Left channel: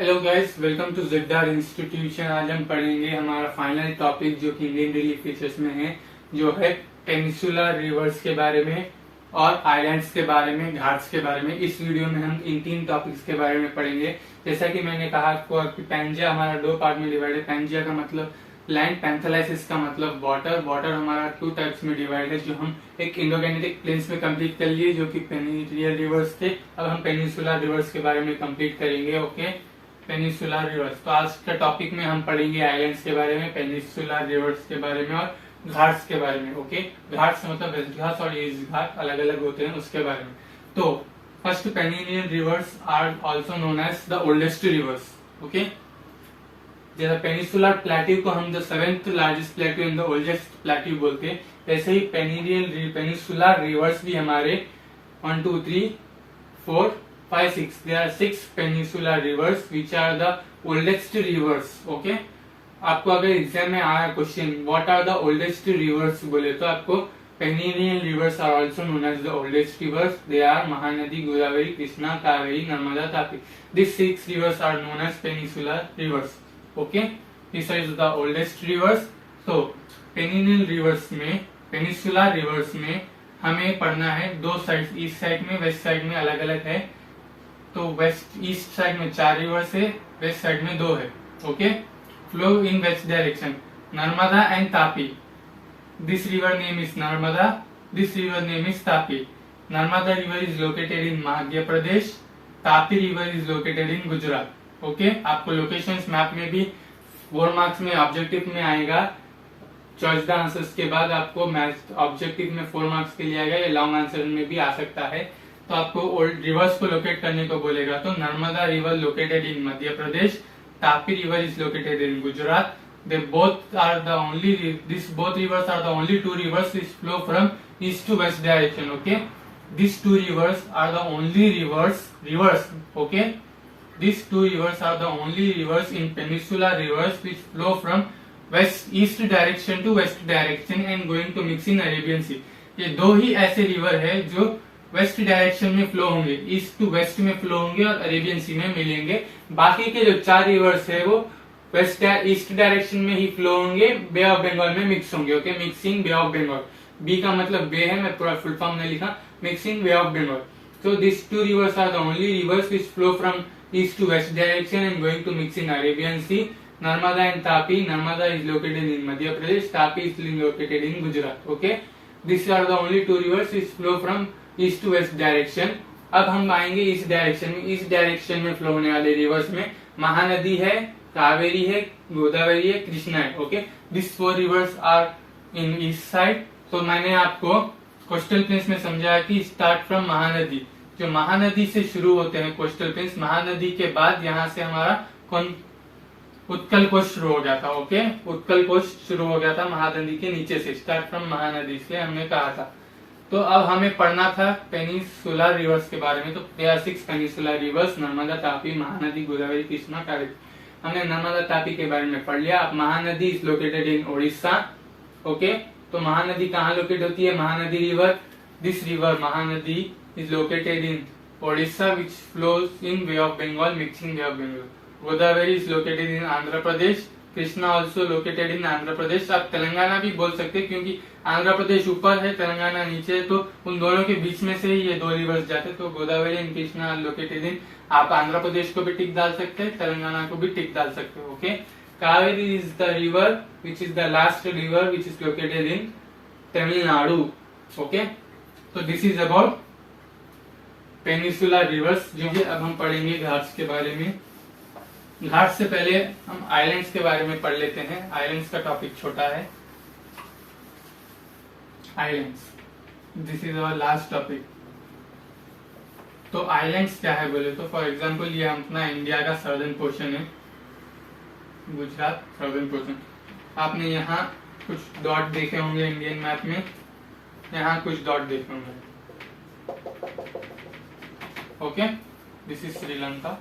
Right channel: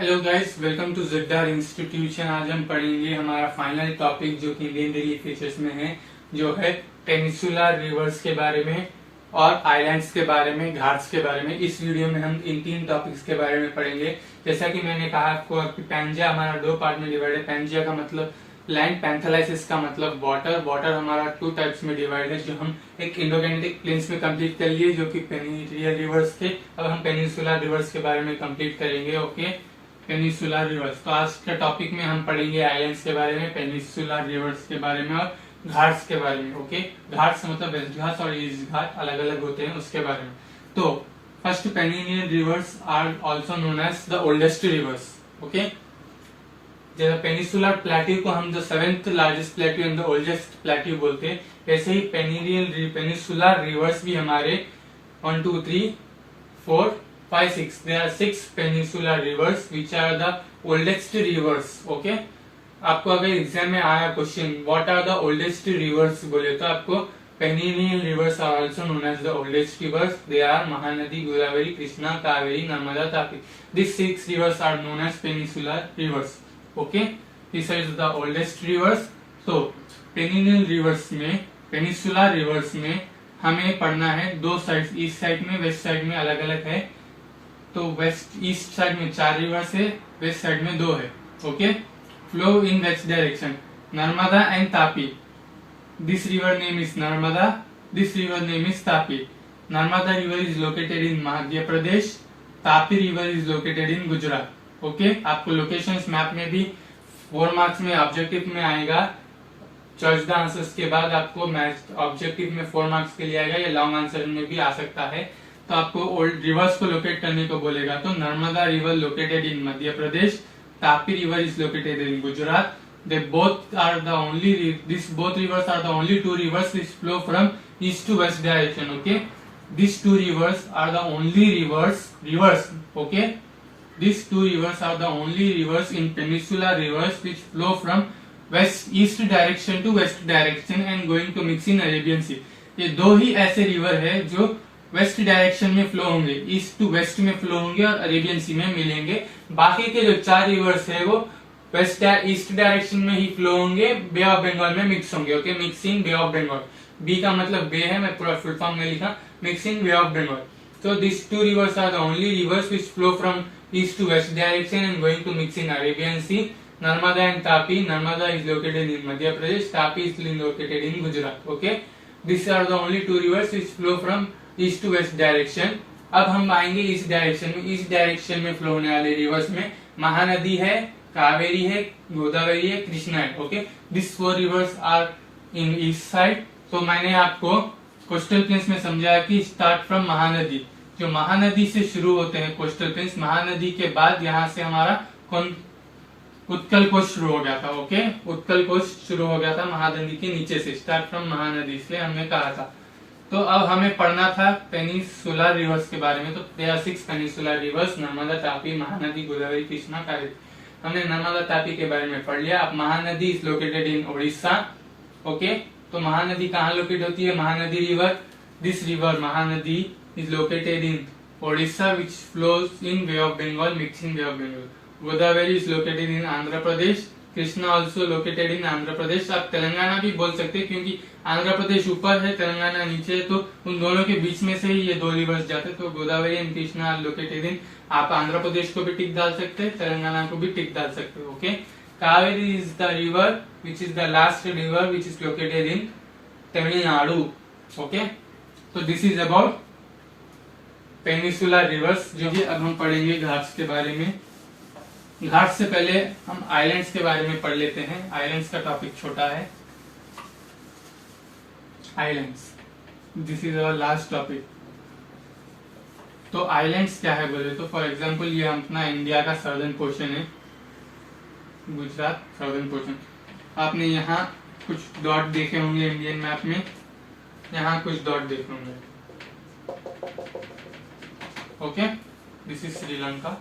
Hello guys, welcome to ZR institution. आज हम पढ़ेंगे हमारा फाइनल टॉपिक जो कि इंडियन रिलीफ फीचर्स में है, जो है पेनिसुलर रिवर्स के बारे में और आइलैंड्स के बारे में, घाट्स के बारे में। इस वीडियो में हम इन तीन टॉपिक्स के बारे में पढ़ेंगे। जैसा कि मैंने कहा आपको कि पैंजिया हमारा दो पार्ट में डिवाइड है। पैंजिया का मतलब लैंड, पैंथेलाइसिस का मतलब वाटर। वाटर हमारा टू टाइप्स में डिवाइड है, जो हम एक इंडोगैनेटिक प्लेन्स में कंप्लीट कर लिए, जो कि पेनिनियल रिवर्स थे। अब हम पेनिसुलर रिवर्स के बारे में कंप्लीट करेंगे। Okay, peninsular reverse. तो आज के टॉपिक में हम पढ़ेंगे आइलैंड्स के बारे में, पेनिसुलर रिवर्स के बारे में और घाट्स के बारे में। ओके, घाट्स मतलब वेस्ट घाट्स और ईस्ट घाट अलग अलग होते हैं, उसके बारे में। तो first, peninsular rivers are also known as the oldest rivers. Okay, जैसे पेनिसुलर प्लेट्यू को हम the seventh largest plateau and the oldest plateau बोलते हैं, वैसे ही पेनिसुलर रिवर्स भी हमारे 1 2 3 4 5 6 there are 6 peninsular rivers which are the oldest rivers. Okay, आपको अगर एग्जाम में आया question what are the oldest rivers बोले, तो आपको peninsular rivers are also known as the oldest rivers. They are Mahanadi, Godavari, Krishna, Kaveri, Narmada, Tapi. This 6 rivers are known as peninsular rivers. Okay, this is the oldest rivers. तो पेनिनियल reverse में, peninsular reverse में हमें पढ़ना है दो साइड, ईस्ट साइड में, वेस्ट साइड में अलग अलग है। तो वेस्ट ईस्ट साइड में 4 रिवर्स है, वेस्ट साइड में 2 है। Okay, flow in west direction, Narmada and Tapi. This river name is Narmada, this river name is Tapi. Narmada river is located in Madhya Pradesh, Tapi river is located in Gujarat. Okay, आपको लोकेशंस मैप में भी 4 marks में objective में आएगा। चॉइस द आंसर्स के बाद आपको मैथ ऑब्जेक्टिव में 4 मार्क्स के लिए आएगा, या लॉन्ग आंसर में भी आ सकता है। तो आपको ओल्ड रिवर्स को लोकेट करने को बोलेगा। तो Narmada river located in Madhya Pradesh, Tapi river is located in Gujarat. They both are the only, this both rivers are the only 2 rivers which flow from east to west direction. Okay, these 2 rivers are the only rivers. Okay, these 2 rivers are the only rivers in peninsular rivers which flow from east direction to west direction and going to mix in Arabian Sea. ये दो ही ऐसे river है जो west direction में flow होंगे, east to waste में flow होंगे और अरेबियन सी में मिलेंगे। बाकी के जो 4 रिवर्स है वो वेस्ट ईस्ट डायरेक्शन में ही फ्लो होंगे, बे ऑफ बंगाल में मिक्स होंगे। Okay, mixing bay of Bengal, B का मतलब बे है, मैं पूरा फुल फॉर्म में लिखा, mixing bay of Bengal. So these 2 rivers are the only rivers which flow from east to west direction and going to mix in Arabian Sea. Narmada and Tapi. Narmada is located in Madhya Pradesh. Tapi is located in Gujarat. Okay, these are the only 2 rivers which flow from east to west direction. अब हम आएंगे east direction में। East direction में flow होने वाले reverse में महानदी है, कावेरी है, गोदावरी है, कृष्णा है। Okay, this 4 rivers are in east side. तो मैंने आपको कोस्टल प्लेन्स में समझाया कि स्टार्ट फ्रॉम महानदी, जो महानदी से शुरू होते हैं कोस्टल प्लेन्स। महानदी के बाद यहाँ से हमारा कौन, उत्कल कोस्ट शुरू हो गया था। ओके, उत्कल कोस्ट शुरू हो गया था महानदी के नीचे से, स्टार्ट फ्रॉम महानदी से हमने कहा था। तो अब हमें पढ़ना था पेनिसुलर रिवर्स के बारे में। तो there are 6 peninsular rivers, Narmada, Tapi, Mahanadi, Godavari, Krishna, Kaveri. हमने नर्मदा, तापी के बारे में पढ़ लिया। अब Mahanadi is located in Odisha. Okay, तो महानदी कहाँ लोकेट होती है? Mahanadi river, this river Mahanadi is located in Odisha which flows in bay of Bengal, mixing bay of Bengal. Godavari is located in Andhra Pradesh, Krishna also located in Andhra Pradesh. आप तेलंगाना भी बोल सकते हैं क्योंकि आंध्र प्रदेश ऊपर है, तेलंगाना नीचे है, तो उन दोनों के बीच में से ही ये 2 रिवर्स जाते। तो Godavari and Krishna located in, आप आंध्र प्रदेश को भी टिक डाल सकते हैं, तेलंगाना को भी टिक डाल सकते हो। Okay, Kaveri is the river which is the last river which is located in Tamil Nadu. Okay, तो this is about peninsular rivers, जो कि अब हम पढ़ेंगे घाट्स के बारे में। घाट से पहले हम आइलैंड्स के बारे में पढ़ लेते हैं। आइलैंड्स का टॉपिक छोटा है। Islands, this is our last topic. तो आइलैंड्स क्या है बोले तो, फॉर एग्जांपल ये अपना इंडिया का सर्दर्न पोर्शन है, गुजरात सर्दर्न पोर्शन। आपने यहाँ कुछ डॉट देखे होंगे इंडियन मैप में, यहाँ कुछ डॉट देखे होंगे। Okay, this is Sri Lanka.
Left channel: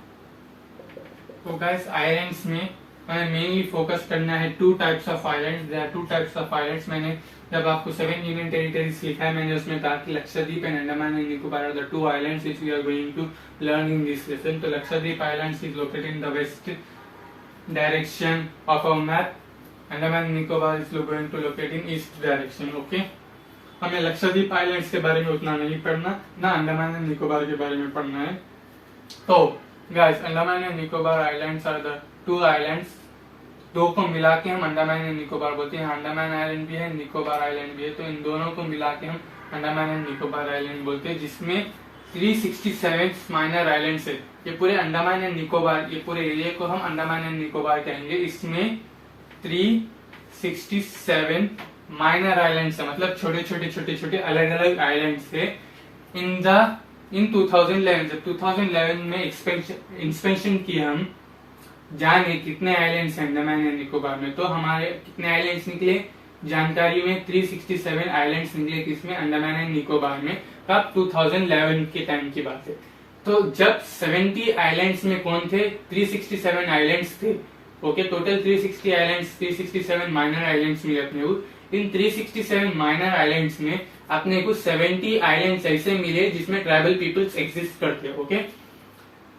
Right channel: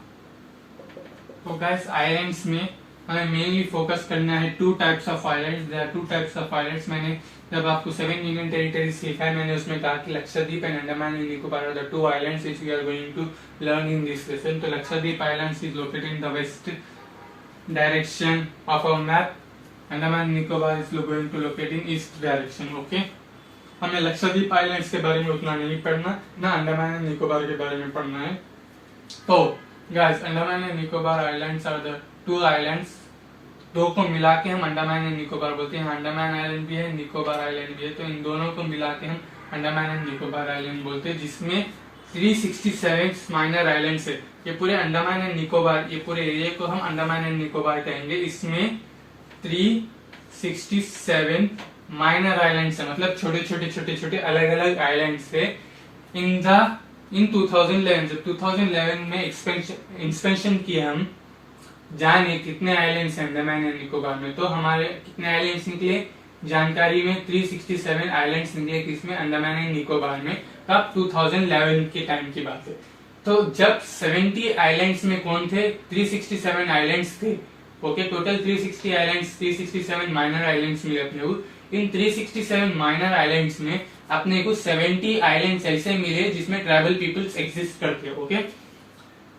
तो गाइस, आइलैंड्स में हमें मेनली फोकस करना है 2 types of islands. There are 2 types of islands. मैंने जब आपको 7 यूनियन टेरिटरीज लिखा है, मैंने उसमें कहा कि Lakshadweep and Andaman and Nicobar are the 2 islands which we are going to learn in this lesson. तो Lakshadweep islands is located in the west direction of our map, Andaman and Nicobar is going to locate in east direction. Okay, हमें Lakshadweep islands के बारे में उतना नहीं पढ़ना, ना Andaman and Nicobar के बारे में पढ़ना है। तो guys, Andaman and Nicobar islands are the 2 islands, 2 को मिला के हम अंडमान एंड निकोबार बोलते हैं। अंडमान आइलैंड भी है, निकोबार आइलैंड भी है, तो इन दोनों को मिला के हम अंडमान एंड निकोबार आइलैंड बोलते हैं, जिसमें 367 माइनर आइलैंड्स है। ये पूरे अंडमान एंड निकोबार, ये पूरे एरिया को हम अंडमान एंड निकोबार कहेंगे। इसमें 367 माइनर आइलैंड्स है, मतलब छोटे छोटे अलग अलग आइलैंड्स है। इन 2011, जब 2011 में एक्सपेंशन किया हम, जाने कितने आइलैंड्स हैं अंडमान एंड निकोबार में, तो हमारे कितने आइलैंड्स निकले जानकारी में 367 आइलैंड्स निकले, किसमें अंडमान एंड निकोबार में। तब 2011 के टाइम की बात है। तो जब 70 आइलैंड्स में कौन थे, 367 आइलैंड्स थे। Okay, total 360 islands, 367 minor islands मिले अपने को। इन 367 माइनर आइलैंड्स में अपने को 70 आइलैंड्स ऐसे मिले जिसमें ट्राइबल पीपल्स एग्जिस्ट करते हैं। Okay,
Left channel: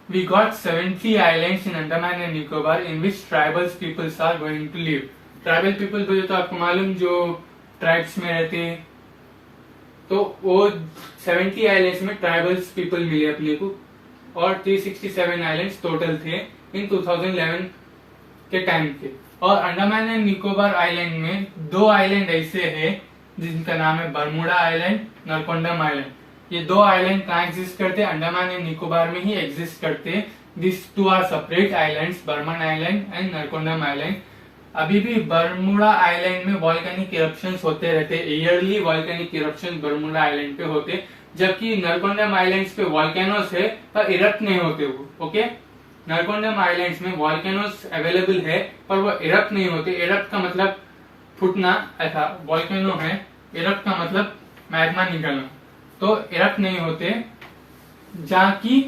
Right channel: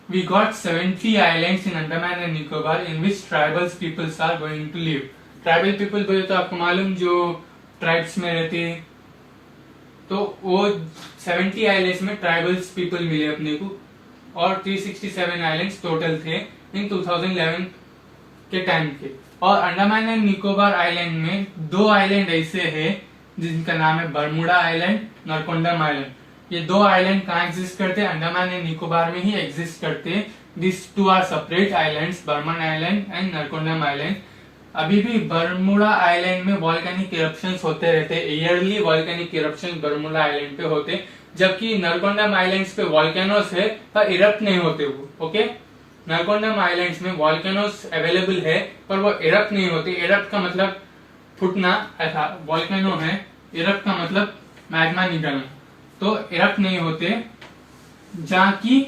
we got 70 islands in Andaman and Nicobar in which tribal peoples are going to live. Tribal people बोले तो आपको मालूम जो ट्राइब्स में रहते हैं, तो वो 70 आइलैंड्स में ट्राइबल्स पीपल मिले अपने को, और 367 आइलैंड्स टोटल थे इन 2011 के टाइम पे। और अंडमान एंड निकोबार आइलैंड में 2 आइलैंड ऐसे है जिनका नाम है बरमुडा आइलैंड, नरकोंडम आइलैंड। ये 2 आइलैंड कहाँ एग्जिस्ट करते हैं, अंडमान एंड निकोबार में ही एग्जिस्ट करते हैं। This 2 are separate islands, Barren island and Narcondam island. अभी भी बरमुडा आइलैंड में वॉल्केनिक इरप्शंस होते रहते हैं, yearly volcanic eruptions Bermuda island पे होते, जबकि नरकोंडम आइलैंड्स पे वॉल्केनोस है पर इरप्ट नहीं होते वो। ओके, नरकोंडम आइलैंड्स में वॉल्केनोस अवेलेबल है पर वो इरप्ट नहीं होते। इरप्ट का मतलब फूटना, ऐसा वॉल्केनो है, इरप्ट का मतलब मैग्मा निकलना, तो इरप्ट नहीं होते। जहाँ की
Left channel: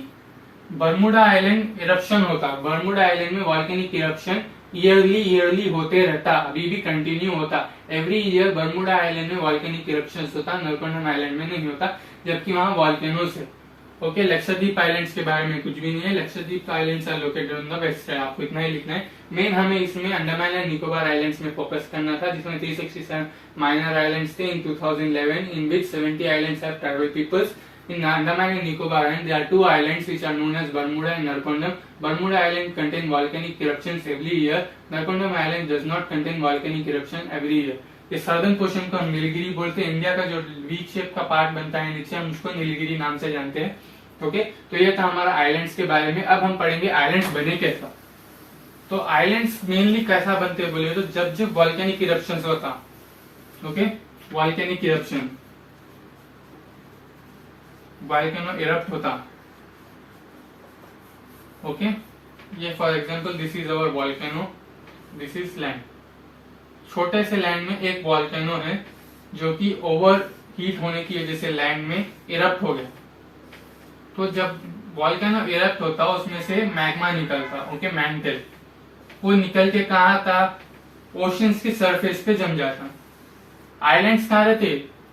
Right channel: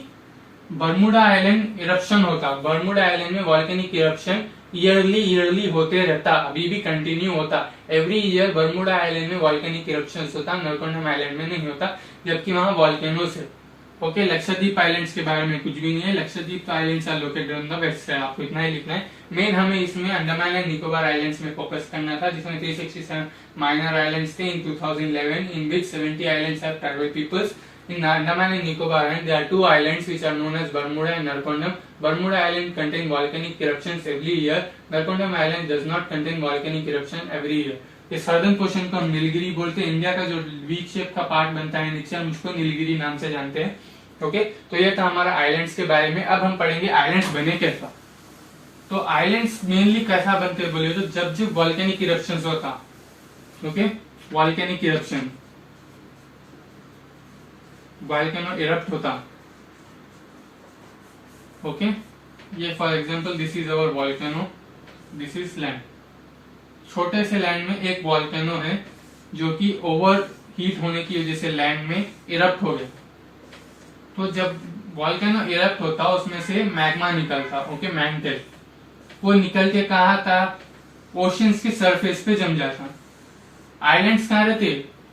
बरमुडा आइलैंड इरप्शन होता, बरमुडा आइलैंड में वॉल्केनिक इरप्शन ईयरली होते रहता, अभी भी कंटिन्यू होता। एवरी ईयर बरमुडा आइलैंड में वॉल्केनिक इरप्शन होता, नरकोंडम आइलैंड में नहीं होता, जबकि वहाँ वॉल्केनोस है। ओके, लक्षद्वीप आइलैंड्स के बारे में कुछ भी नहीं है। Lakshadweep islands are located on the west side, आपको इतना ही लिखना है। मेन हमें इसमें अंडमान एंड निकोबार आइलैंड्स में फोकस करना था, जिसमें 367 माइनर आइलैंड्स थे in 2011, in which 70 islands are tribal peoples. In Andaman and Nicobar Island, there are 2 islands which are known as Bermuda and Narcondam. Bermuda Island contain volcanic eruptions every year. Narcondam Island does not contain volcanic eruption every year. ये southern portion को हम नीलगिरी बोलते हैं। India का जो V shape का part बनता है नीचे, हम उसको नीलगिरी नाम से जानते हैं। ओके, तो ये था हमारा आइलैंड्स के बारे में। अब हम पढ़ेंगे आइलैंड्स बने कैसा। तो आइलैंड्स मेनली कैसा बनते हैं बोले तो जब जब वॉल्केनिक इरप्शन होता, okay, volcanic eruption, volcano erupt होता। ओके, ये for example this is our volcano, this is land. छोटे से लैंड में एक वॉल्केनो है जो कि ओवर हीट होने की वजह से लैंड में इरप्ट हो गया। तो जब वॉल्केनो इरप्ट होता उसमें से मैग्मा निकलता, ओके, मैंटल, वो निकल के कहा था, ओशंस के सरफेस पे जम जाता। आइलैंड्स कहाँ रहते,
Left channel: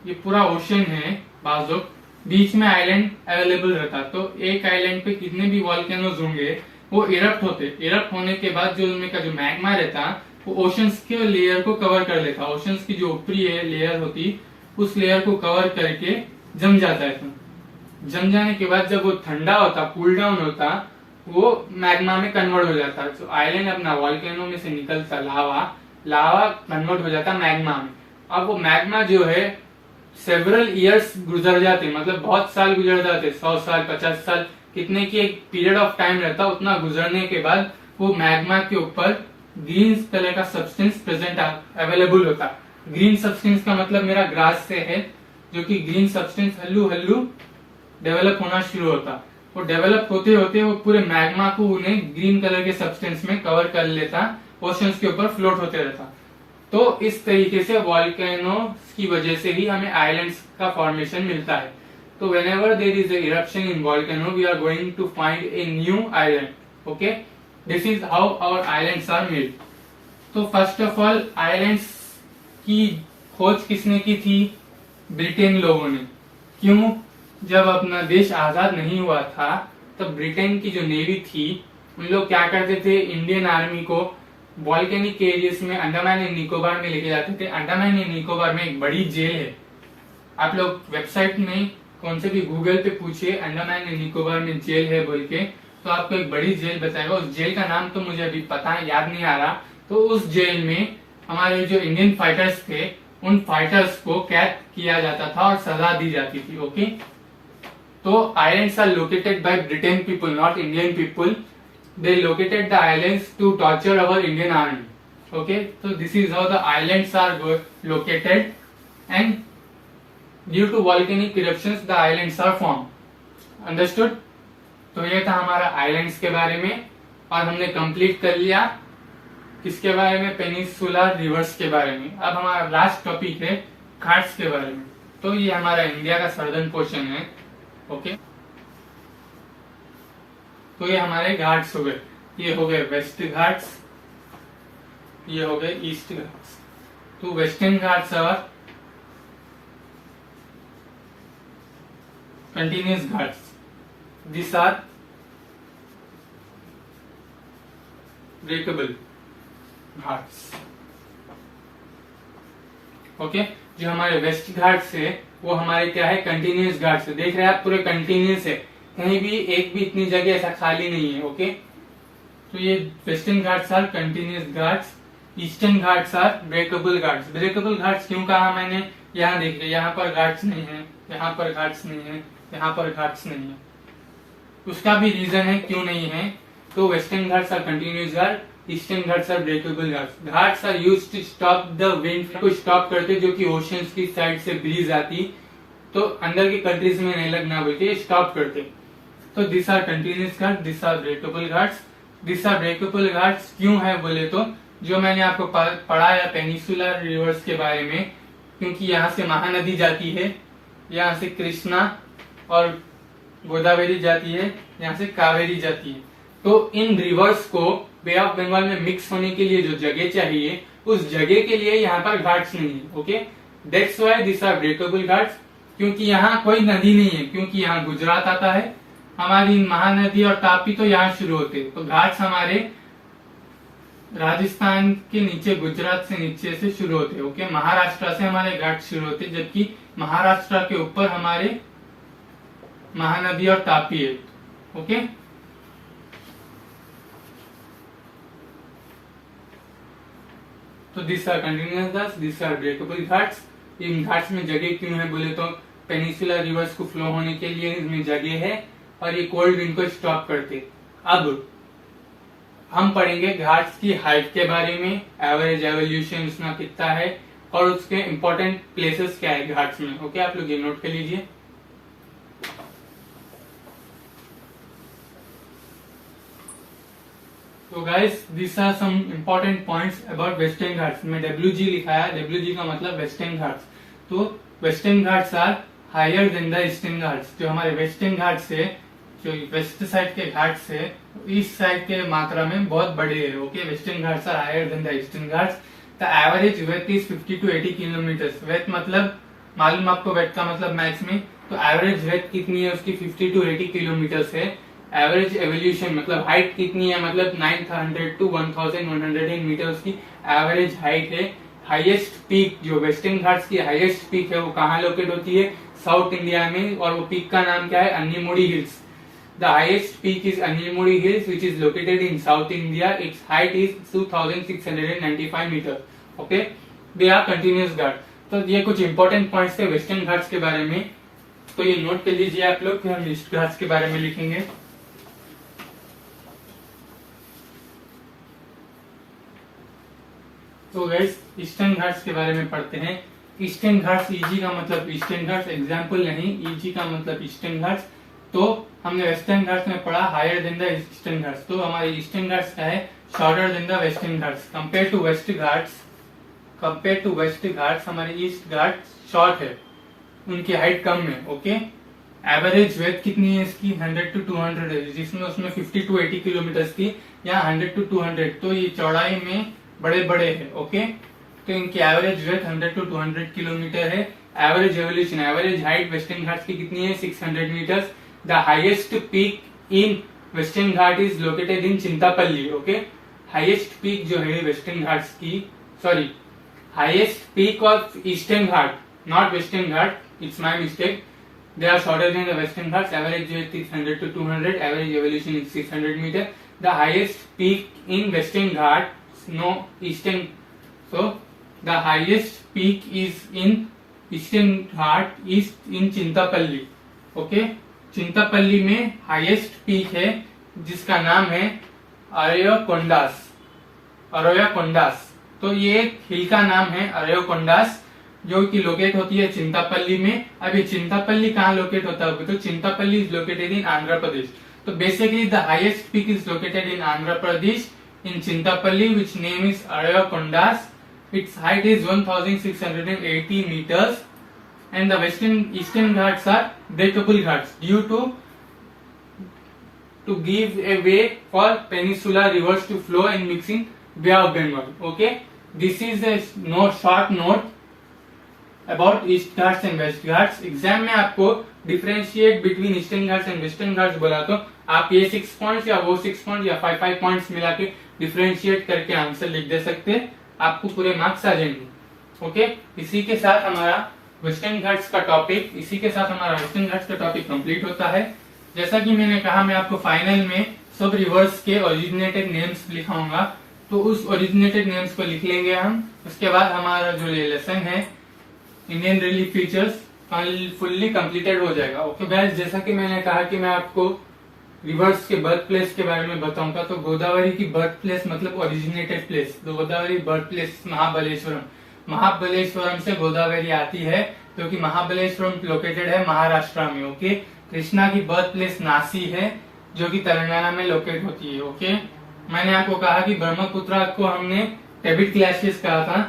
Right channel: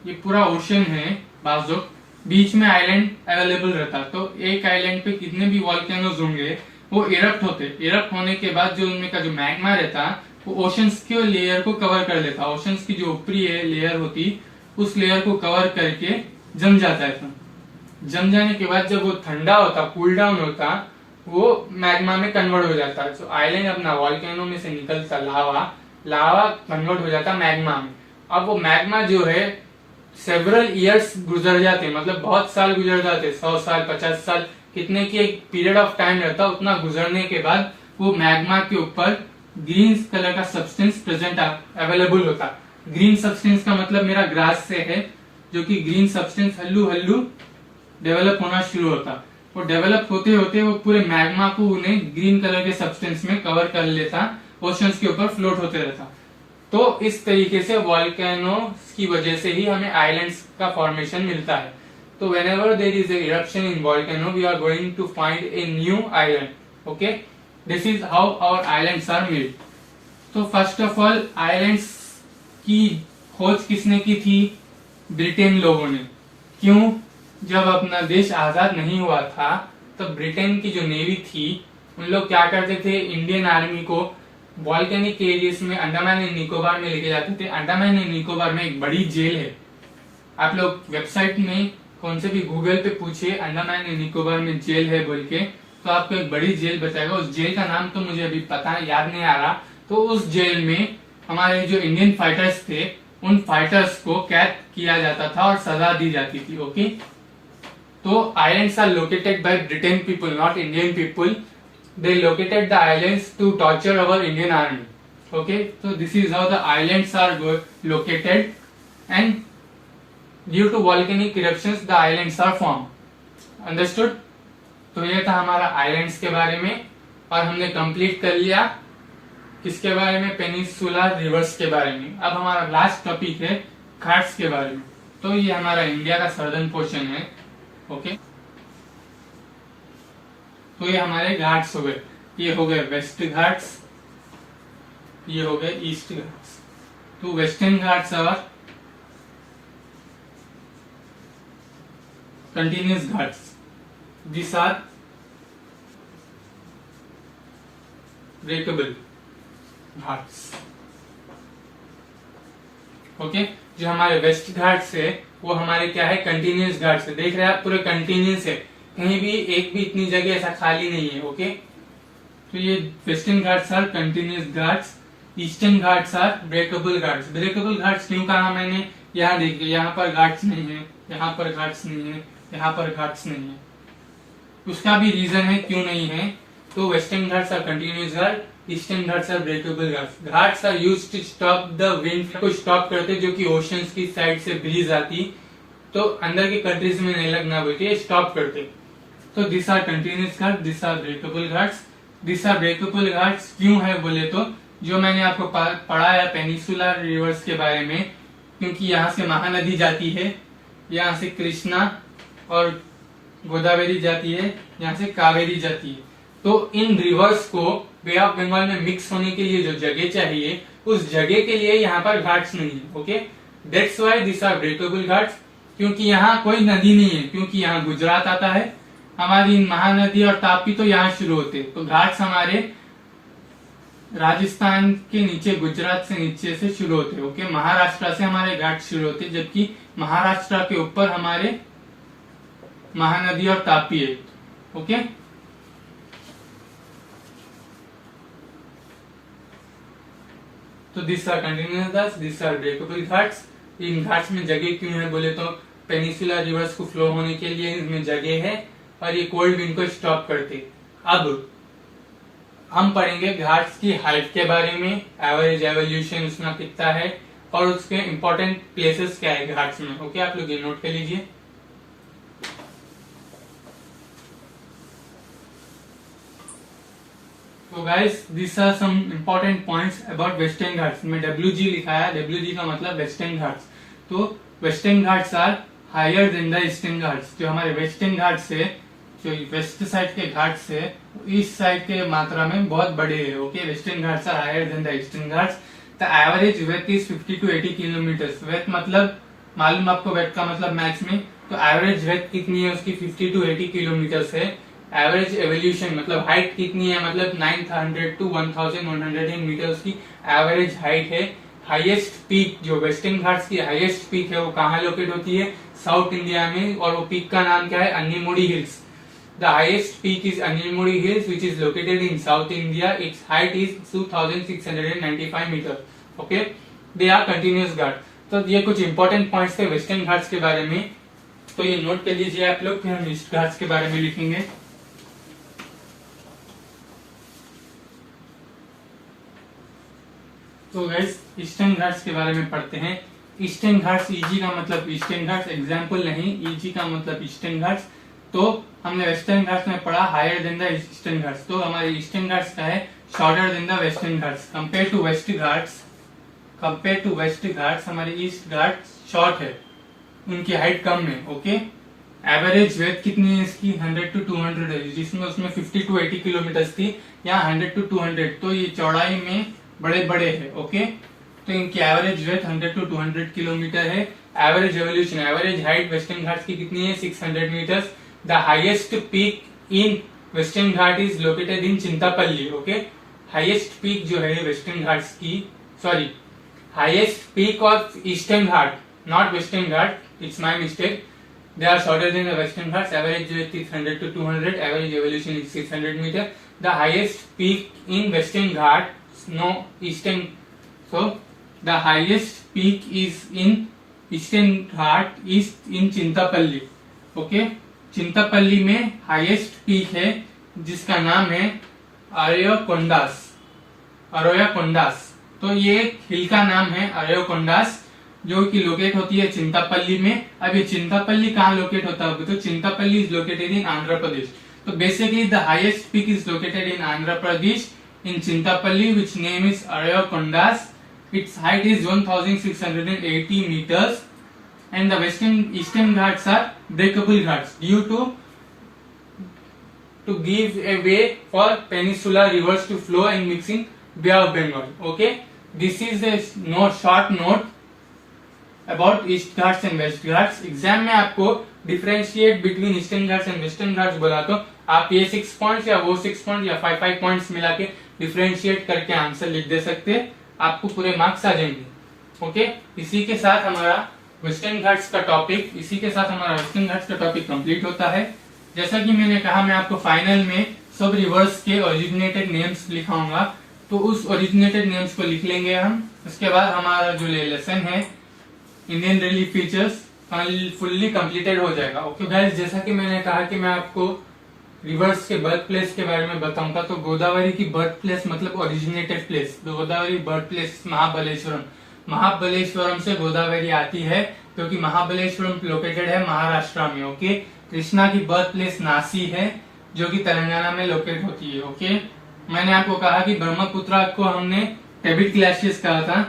ये पूरा ओशन है बाजू, बीच में आइलैंड अवेलेबल रहता। तो एक आइलैंड पे कितने भी वॉल्केनोज होंगे वो इरप्ट होते, इरप्ट होने के बाद जो उनमें का जो मैग्मा रहता वो ओशंस के लेयर को कवर कर लेता। ओशंस की जो ऊपरी लेयर होती उस लेयर को कवर करके जम जाता है। जम जाने के बाद जब वो ठंडा होता, कूल डाउन होता, वो मैग्मा में कन्वर्ट हो जाता। तो आइलैंड अपना वॉल्केनो में से निकलता लावा कन्वर्ट हो जाता मैग्मा में। अब वो मैग्मा जो है सेवरल इयर्स गुजर जाते, मतलब बहुत साल गुजर जाते, 100 साल 50 साल, कितने की एक पीरियड ऑफ टाइम रहता, उतना गुजरने के बाद वो मैग्मा के ऊपर ग्रीन कलर का सब्सटेंस प्रेजेंट अवेलेबल होता। ग्रीन सब्सटेंस का मतलब मेरा ग्रास से है, जो कि ग्रीन सब्सटेंस हल्लू डेवलप होना शुरू होता। वो डेवलप होते होते वो पूरे मैग्मा को उन्हें ग्रीन कलर के सब्सटेंस में कवर कर लेता, ओशंस के ऊपर फ्लोट होते रहता। तो इस तरीके से वॉल्केनो की वजह से ही हमें आइलैंड्स का फॉर्मेशन मिलता है। तो whenever there is a eruption in volcano, we are going to find a new island. Okay, this is how our islands are made. तो फर्स्ट ऑफ ऑल आइलैंड्स की खोज किसने की थी? ब्रिटेन लोगों ने। क्यों? जब अपना देश आजाद नहीं हुआ था तो ब्रिटेन की जो नेवी थी उन लोग क्या करते थे, इंडियन आर्मी को वॉल्केनिक एरियाज में अंडमान एंड निकोबार में लेके जाते थे। अंडमान एंड निकोबार में एक बड़ी जेल है, आप लोग वेबसाइट में कौन से भी गूगल पे पूछिए अंडमान एंड निकोबार में जेल है बोल के, तो आपको एक बड़ी जेल बताएगा। उस जेल का नाम तो मुझे अभी पता याद नहीं आ रहा। तो उस जेल में हमारे जो इंडियन फाइटर्स थे उन फाइटर्स को कैद किया जाता था और सजा दी जाती थी। ओके, तो islands are located by Britain people, not Indian people. They located the islands to torture our Indian army. Okay, तो this is how the islands are located and due to volcanic eruptions the islands are form. Understood? तो ये था हमारा islands के बारे में और हमने कंप्लीट कर लिया किसके बारे में? पेनिनसुलर रिवर्स के बारे में। अब हमारा लास्ट टॉपिक है घाट्स के बारे में। तो ये हमारा इंडिया का सर्दर्न पोर्शन है। ओके, तो ये हमारे घाट्स हो गए। ये हो गए वेस्ट घाट्स, ये हो गए ईस्ट घाट्स। तो Western Ghats are continuous ghats. These are breakable ghats. Okay, जो हमारे वेस्ट घाट्स है वो हमारे क्या है? कंटिन्यूस घाट्स है। देख रहे हैं आप, पूरे कंटिन्यूस है, कहीं भी एक भी इतनी जगह ऐसा खाली नहीं है। ओके, तो ये Western Ghats are continuous ghats, Eastern Ghats are breakable ghats. Breakable ghats क्यों कहा मैंने? यहाँ देखिए, यहाँ पर घाट्स नहीं है, यहाँ पर घाट्स नहीं है, यहाँ पर घाट्स नहीं है। उसका भी रीजन है क्यों नहीं है। तो Western Ghats are continuous ghat, Eastern Ghats are breakable ghats. Ghats are used to stop the wind को स्टॉप करते, जो कि ओशंस की साइड से ब्रीज आती तो अंदर की कंट्रीज में नहीं लगना बोल के स्टॉप करते। तो this are continuous ghat, this are breakable ghats. This are breakable ghats क्यों है बोले तो, जो मैंने आपको पढ़ाया पेनिनसुलर रिवर्स के बारे में, क्योंकि यहाँ से महानदी जाती है, यहाँ से कृष्णा और गोदावरी जाती है, यहाँ से कावेरी जाती है। तो इन रिवर्स को बे ऑफ बंगाल में मिक्स होने के लिए जो जगह चाहिए, उस जगह के लिए यहाँ पर घाट्स नहीं है। Okay, that's why this are breakable ghats, क्योंकि यहाँ कोई नदी नहीं है, क्योंकि यहाँ गुजरात आता है, हमारी महानदी और तापी तो यहाँ शुरू होते। तो घाट्स हमारे राजस्थान के नीचे, गुजरात से नीचे से शुरू होते। ओके, महाराष्ट्र से हमारे घाट शुरू होते, जबकि महाराष्ट्र के ऊपर हमारे महानदी और तापी है। ओके, तो this are continuous ghats, this are breakable ghats. इन घाट्स में जगह क्यों है बोले तो पेनिनसुलर रिवर्स को फ्लो होने के लिए इनमें जगह है और ये कोल्ड विंड को स्टॉप करते। अब हम पढ़ेंगे घाट्स की हाइट के बारे में, एवरेज एवोल्यूशन उसमें कितना है और उसके इम्पोर्टेंट प्लेसेस क्या है घाट्स में। ओके, आप लोग ये नोट कर लीजिए। तो guys, this are some important points about Western Ghats. में WG लिखा है, WG का मतलब वेस्टर्न घाट्स। तो Western Ghats are higher than the Eastern Ghats. जो हमारे वेस्टर्न घाट्स है, जो वेस्ट साइड के घाट्स है, ईस्ट साइड के मात्रा में बहुत बड़े है। Okay, Western Ghats are higher than the Eastern Ghats. The average width is 50 to 80 kilometre. Width मतलब मालूम आपको, वेथ का मतलब मैथ्स में, तो एवरेज वेथ कितनी है उसकी? 50 to 80 किलोमीटर है। एवरेज एवोल्यूशन मतलब हाइट कितनी है, मतलब 900 to 1110 मीटर की एवरेज हाइट है। हाईएस्ट पीक, जो वेस्टर्न घाट्स की हाईएस्ट पीक है, वो कहाँ लोकेट होती है? साउथ इंडिया में। और वो पीक का नाम क्या है? Anamudi hills. The highest peak is Anamudi hills which is located in south India. Its height is 2695 meter. Okay, they are continuous ghat. तो ये कुछ इंपॉर्टेंट पॉइंट्स थे वेस्टर्न घाट्स के बारे में, तो ये नोट कर लीजिए आप लोग। फिर हम ईस्ट घाट्स के बारे में लिखेंगे। तो गाइस, ईस्टर्न घाट्स के बारे में पढ़ते हैं। ईस्टर्न घाट्स, ईजी का मतलब ईस्टर्न घाट्स, एग्जाम्पल नहीं, ईजी का मतलब ईस्टर्न घाट्स। तो हमने वेस्टर्न घाट्स में पढ़ा higher than the Eastern Ghats. तो हमारे ईस्टर्न घाट्स का है shorter than the Western Ghats. Compare to west ghats, compare to west ghats हमारे ईस्ट घाट्स शॉर्ट है, उनकी हाइट कम है। ओके, एवरेज वेथ कितनी है इसकी? 100 to 200 है, जिसमें उसमें 50 to 80 किलोमीटर थी, यहाँ 100 to 200। तो ये चौड़ाई में बड़े बड़े हैं। ओके, तो सकते हैं कि एवरेज विड्थ 100 to 200 किलोमीटर है। Average evolution, average height Western Ghats की कितनी है? 600 metres. The highest peak in Western Ghat is located in Chintapalli. Okay, highest peak जो है वेस्टर्न घाट्स की, sorry, highest peak of Eastern Ghat, not Western Ghat, it's my mistake. They are shorter than the Western Ghats. Average width is 100 to 200. Average elevation is 600 meter. The highest peak in Western Ghat, no Eastern. So the highest peak is in Eastern Ghat is in Chintapalli. Okay, Chintapalli में highest peak है जिसका नाम है अरयोकोंडास। अरयोकोंडास, तो ये हिल का नाम है अरयोकोंडास, जो कि लोकेट होती है चिंतापल्ली में। अब ये चिंतापल्ली कहाँ लोकेट होता है? तो Chintapalli is located in Andhra Pradesh. तो basically the highest peak is located in Andhra Pradesh in Chintapalli, which name is Armakonda. Its height is 1680 meters and the western eastern Ghats are breakable ghats due to give a way for peninsular rivers to flow and mixing bay of Bengal. Okay, this is a short note about east ghats and west ghats. Exam में आपको differentiate between eastern Ghats and western Ghats बोला तो आप ये 6 points या वो 6 point या 5 points मिला के डिफरेंशिएट करके आंसर लिख दे सकते हैं, आपको पूरे मार्क्स आ जाएंगे। ओके, इसी के साथ हमारा वेस्टर्न घाट्स का टॉपिक कंप्लीट होता है। जैसा कि मैंने कहा, मैं आपको फाइनल में सब रिवर्स के ओरिजिनेटेड नेम्स लिखाऊंगा, तो उस ओरिजिनेटेड नेम्स को लिख लेंगे हम। उसके बाद हमारा जो लेसन है Indian relief features fully completed हो जाएगा। ओके गाइस, जैसा कि मैंने कहा कि मैं आपको रिवर्स के बर्थ प्लेस के बारे में बताऊंगा, तो गोदावरी की बर्थ प्लेस मतलब ओरिजिनेटेड प्लेस, तो गोदावरी बर्थ प्लेस महाबलेश्वरम। महाबलेश्वरम से गोदावरी आती है क्योंकि महाबलेश्वरम लोकेटेड है महाराष्ट्र में। ओके, कृष्णा की बर्थ प्लेस नासी है जो कि तेलंगाना में लोकेट होती है। ओके, मैंने आपको कहा कि ब्रह्मपुत्रा को हमने टेबिट ग्लेशियर्स कहा था।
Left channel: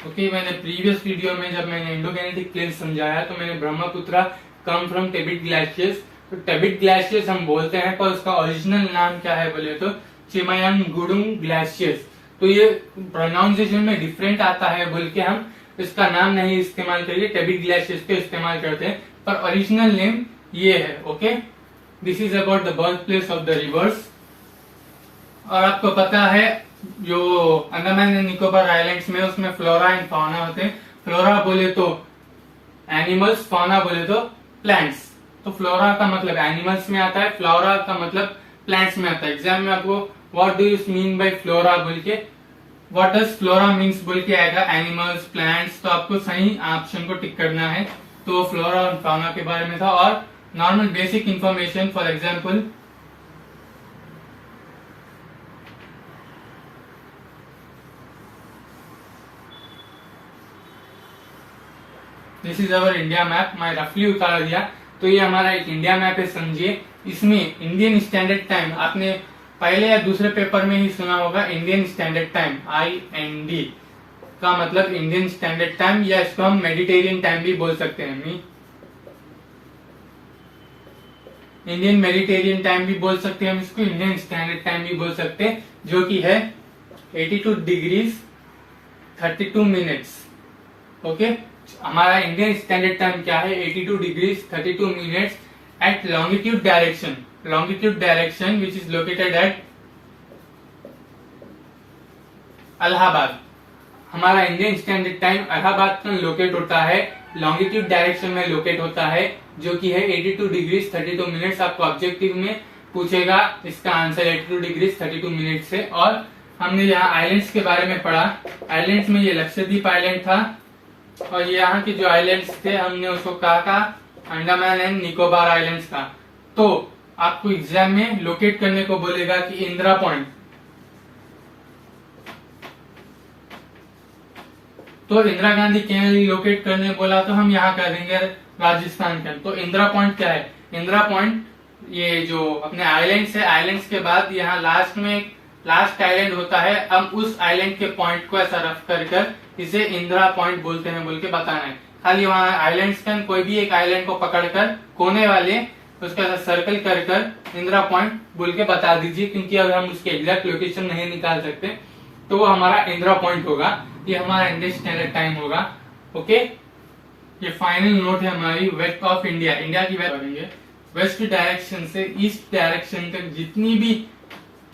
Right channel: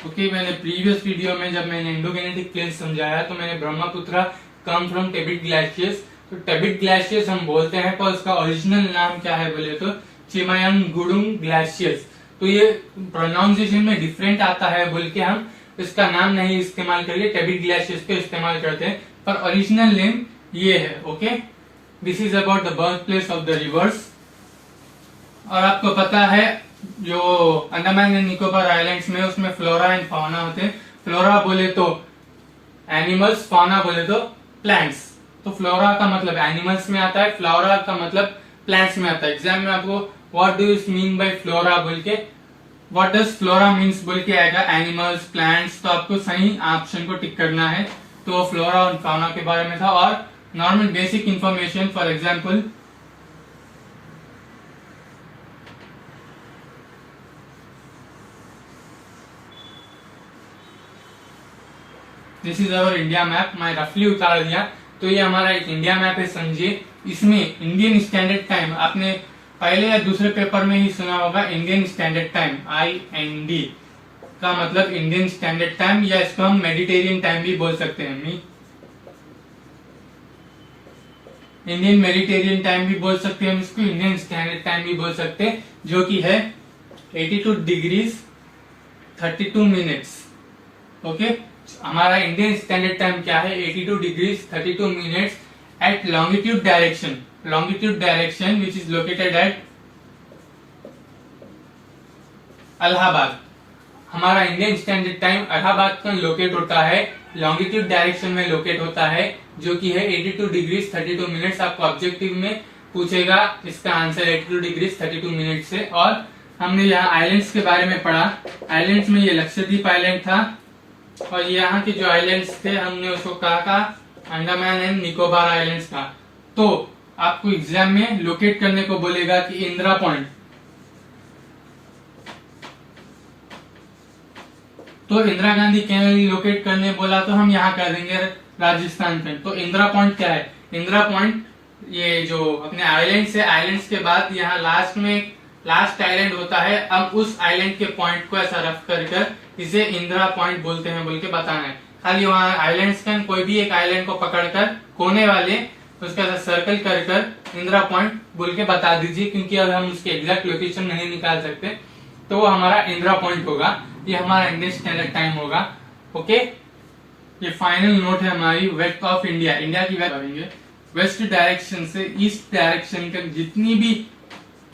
ओके, मैंने प्रीवियस वीडियो में जब मैंने इंडोगेनेटिक प्लेस समझाया तो मैंने ब्रह्मपुत्रा कम फ्रॉम टेबिट ग्लेशियर्स, तो टेबिट ग्लेशियर्स हम बोलते हैं, पर उसका ओरिजिनल नाम क्या है बोले तो चिमायंगुडुंग ग्लेशियर्स। तो ये प्रोनाउंसिएशन में डिफरेंट आता है बोल के हम इसका नाम नहीं इस्तेमाल करके टेबिट ग्लेशियर्स पे इस्तेमाल करते हैं, पर ओरिजिनल नेम ये है। Okay, this is about the birth place of the reverse. और आपको पता है जो अंडमान एंड निकोबार आइलैंड्स में उसमें फ्लोरा एंड फौना होते हैं। फ्लोरा बोले तो एनिमल्स, फौना बोले तो प्लांट्स। तो फ्लोरा का मतलब एनिमल्स में आता है, फ्लोरा का मतलब प्लांट्स में आता है। एग्जाम में आपको what do you mean by flora बोल के, व्हाट डज फ्लोरा मीन्स बोल के आएगा एनिमल्स, प्लांट्स, तो आपको सही ऑप्शन को टिक करना है। तो फ्लोरा और फौना के बारे में था। और normal basic information, for example this is our India map, मैं रफली उतार दिया। तो ये हमारा एक इंडिया मैप है, समझिए। इसमें इंडियन स्टैंडर्ड टाइम आपने पहले या दूसरे पेपर में ही सुना होगा। इंडियन स्टैंडर्ड टाइम IND का मतलब इंडियन स्टैंडर्ड टाइम, या इसको हम मेडिटेरियन टाइम भी बोल सकते हैं। इंडियन मेडिटेरियन टाइम भी बोल सकते हैं हम इसको, इंडियन स्टैंडर्ड टाइम भी बोल सकते हैं, जो कि है 82 डिग्रीज 32 मिनट्स। ओके, हमारा इंडियन स्टैंडर्ड टाइम क्या है? 82 degrees 32 minutes at longitude direction which is located at Allahabad. हमारा इंडियन स्टैंडर्ड टाइम इलाहाबाद में लोकेट होता है, लॉन्गिट्यूड डायरेक्शन में लोकेट होता है, जो कि है 82 डिग्रीज 32 मिनट्स। आपको ऑब्जेक्टिव में पूछेगा इसका आंसर 82 डिग्रीज 32 मिनट से। और हमने यहाँ आइलैंड्स के बारे में पढ़ा। आइलैंड्स में ये लक्षद्वीप आइलैंड था, और यहाँ के जो आइलैंड्स थे हमने उसको कहा था अंडमान एंड निकोबार आइलैंड्स का। तो आपको एग्जाम में लोकेट करने को बोलेगा कि इंदिरा पॉइंट, तो इंदिरा गांधी कैनाल लोकेट करने बोला तो हम यहाँ कर देंगे राजस्थान पे। तो इंदिरा पॉइंट क्या है? इंदिरा पॉइंट ये जो अपने आइलैंड्स है, आइलैंड्स के बाद यहाँ लास्ट में लास्ट आइलैंड होता है। अब उस आइलैंड के पॉइंट को ऐसा रफ कर इसे इंदिरा पॉइंट बोलते हैं बोल के बताना है। खाली वहाँ आइलैंड्स का कोई भी एक आइलैंड को पकड़कर कोने वाले उसका ऐसा सर्कल कर इंदिरा पॉइंट बोल के बता दीजिए, क्योंकि अब हम उसके एग्जैक्ट लोकेशन नहीं निकाल सकते। तो वो हमारा इंदिरा पॉइंट होगा, ये हमारा इंडियन स्टैंडर्ड टाइम होगा। ओके, ये फाइनल नोट है हमारी वेस्ट ऑफ इंडिया। इंडिया की वेस्ट करेंगे, वेस्ट डायरेक्शन से ईस्ट डायरेक्शन तक जितनी भी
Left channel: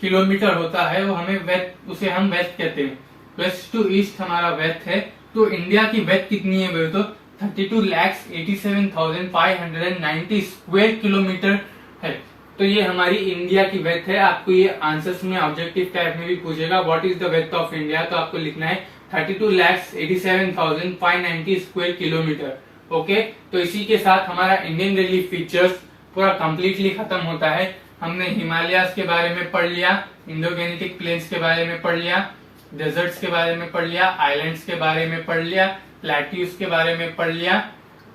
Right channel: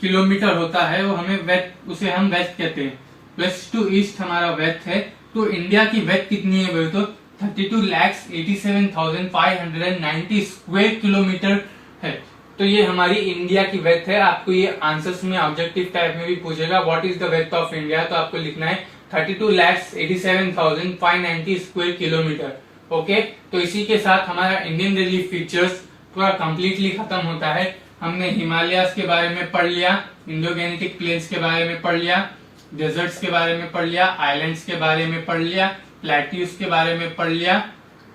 किलोमीटर होता है वो हमें वेस्ट, उसे हम वेस्ट कहते हैं। वेस्ट टू ईस्ट हमारा वेस्ट है। तो इंडिया की वेस्ट कितनी है तो 32,87,590 स्क्वायर किलोमीटर है। तो ये हमारी इंडिया की वेथ है। आपको ये आंसर्स में ऑब्जेक्टिव टाइप में भी पूछेगा what is the width of India, तो आपको लिखना है 32,87,590 स्क्वायर किलोमीटर। ओके, तो इसी के साथ हमारा इंडियन रिलीफ फीचर्स पूरा कंप्लीटली खत्म होता है। हमने हिमालयास के बारे में पढ़ लिया, इंडोगैनेटिक प्लेन्स के बारे में पढ़ लिया, डेजर्ट्स के बारे में पढ़ लिया, आइलैंड्स के बारे में पढ़ लिया, प्लेट्यूज के बारे में पढ़ लिया।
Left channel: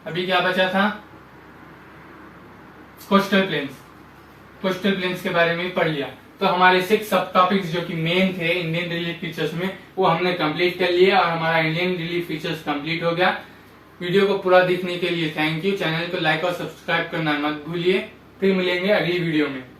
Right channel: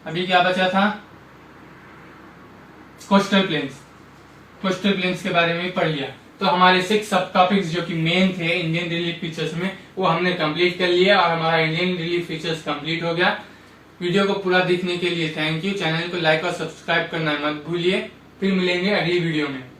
अभी क्या बचा था, कोस्टल प्लेन्स, कोस्टल प्लेन्स के बारे में पढ़ लिया। तो हमारे 6 सब टॉपिक्स जो कि मेन थे इंडियन रिलीफ फीचर्स में वो हमने कंप्लीट कर लिए और हमारा इंडियन रिलीफ फीचर्स कंप्लीट हो गया। वीडियो को पूरा देखने के लिए थैंक यू। चैनल को लाइक और सब्सक्राइब करना मत भूलिए। फिर मिलेंगे अगली वीडियो में।